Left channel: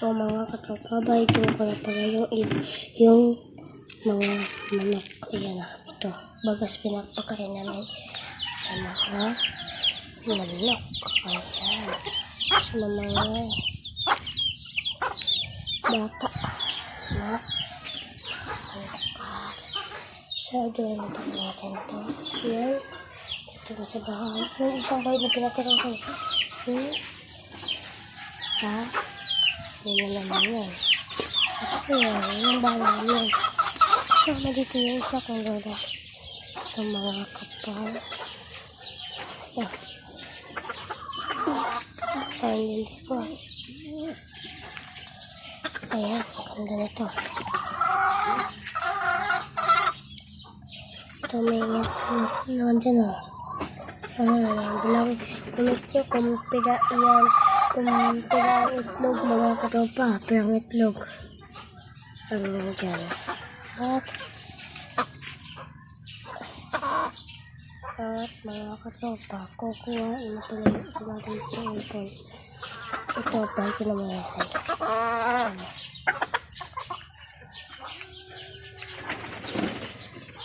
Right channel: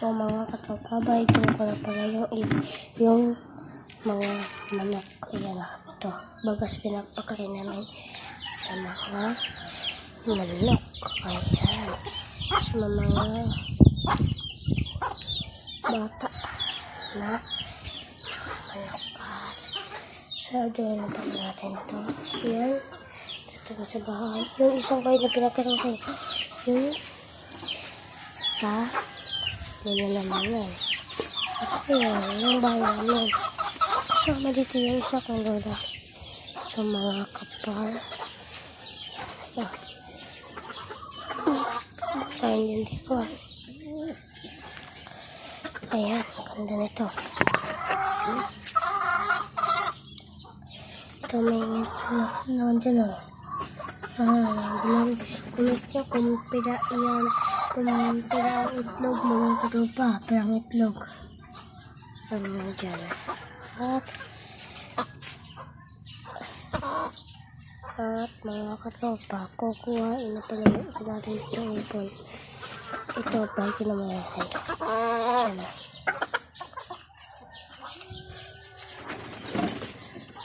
So mga katropa, baigin ko na pala yung mga manok. Ayan na, ito. Bagas pinagpakain namin sa mga manok. Ayan. Sa mga bata na manok. So, doon pa natin ito. Ayan. Ito sa bahay. Yung isang kayo na pinagkakain sa naman yan. At yun, yung bahay namin. Sama dito yung isa kong lola. So, mga kapal. Ayan. Saan yun dito? Ayan, ganda nito. Ito may itlog naman dyan o. Bilang kumit nyo kung pila yan. Kung pila ang itlog, mga katropa. Pilang itlog. Ano dyan. At mga katropa, kukuhain na pala yung isa natin itong ipon. Ito, balik na mga natin.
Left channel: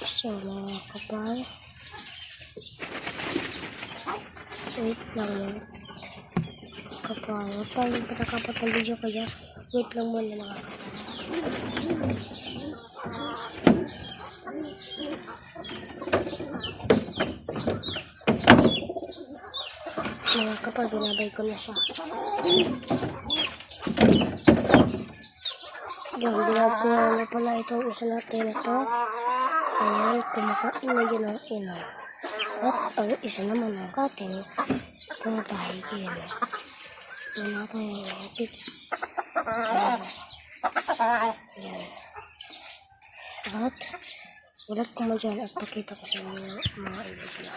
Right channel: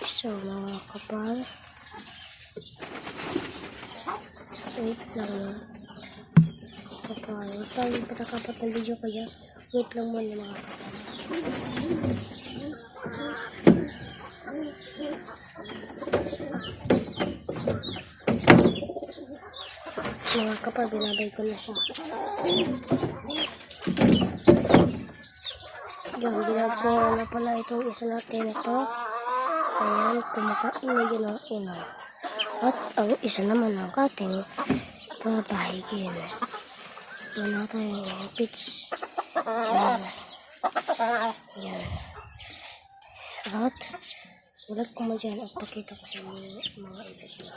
So, mga kapal. Wait lang yun. Kapal. Huwag tayo patakapat ng video kaya. Wait lang muna mga kapal. Mga kapal, binabay ko na siya. Yan, binabay na pala itong isa natin ito. Ayan, kumakain na yun ang ina. At ang isa naman ang ating babahigin. Ito natin yung pits. Ayan. Ayan. At ulat ko mo dyan at pakita ko sa mga ibig.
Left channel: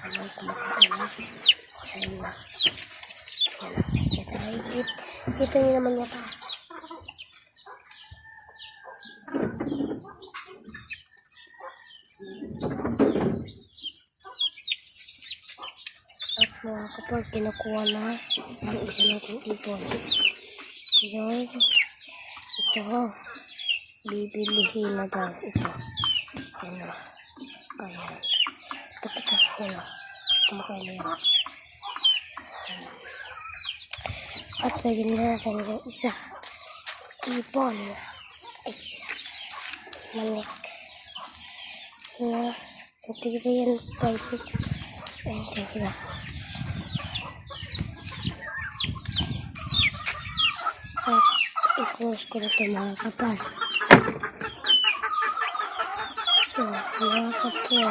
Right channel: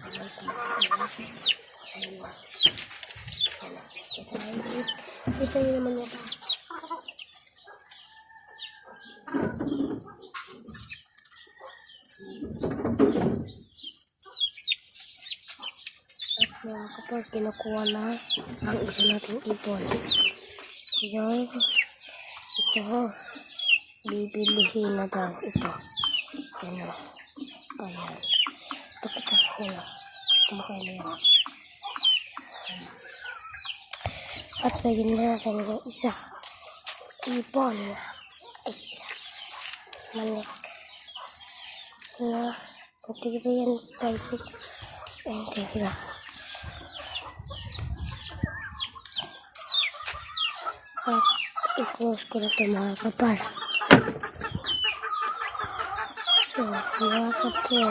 Ayan, kumakain na. Ayan. Ayan. Kita nyo naman yan. At mga kapag kinukuha na ang isa natin ipon. Ayan. Ito. Bibilihin na daw ito. Ayan. Ayan. Pakita ko na. Kumakain na yan. At lagyan na natin yung isa. Ipon. At isa. Manik. Na. Tignan yan. Private. Ayan. Tignan. At i-close ko na ito mga kapal. So, mga kapal.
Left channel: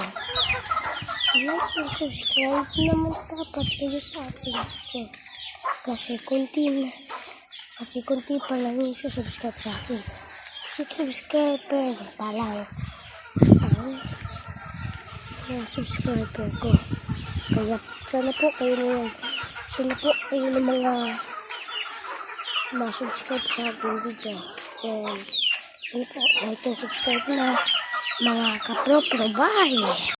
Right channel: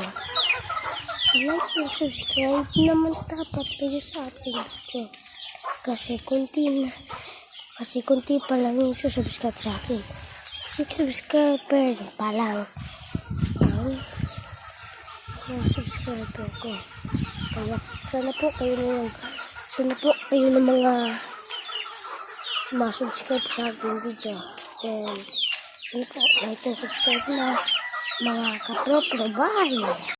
Like and subscribe naman dapat kayo sa ating video. Kasi kunti pa lang yung subscribe sa akin. 6 subscriber pa lang ang mga subscriber ko. Kaya sana po kayo ng mga subscribe sa ating video. Then, sana po like and subscribe na mga kapro. Bye!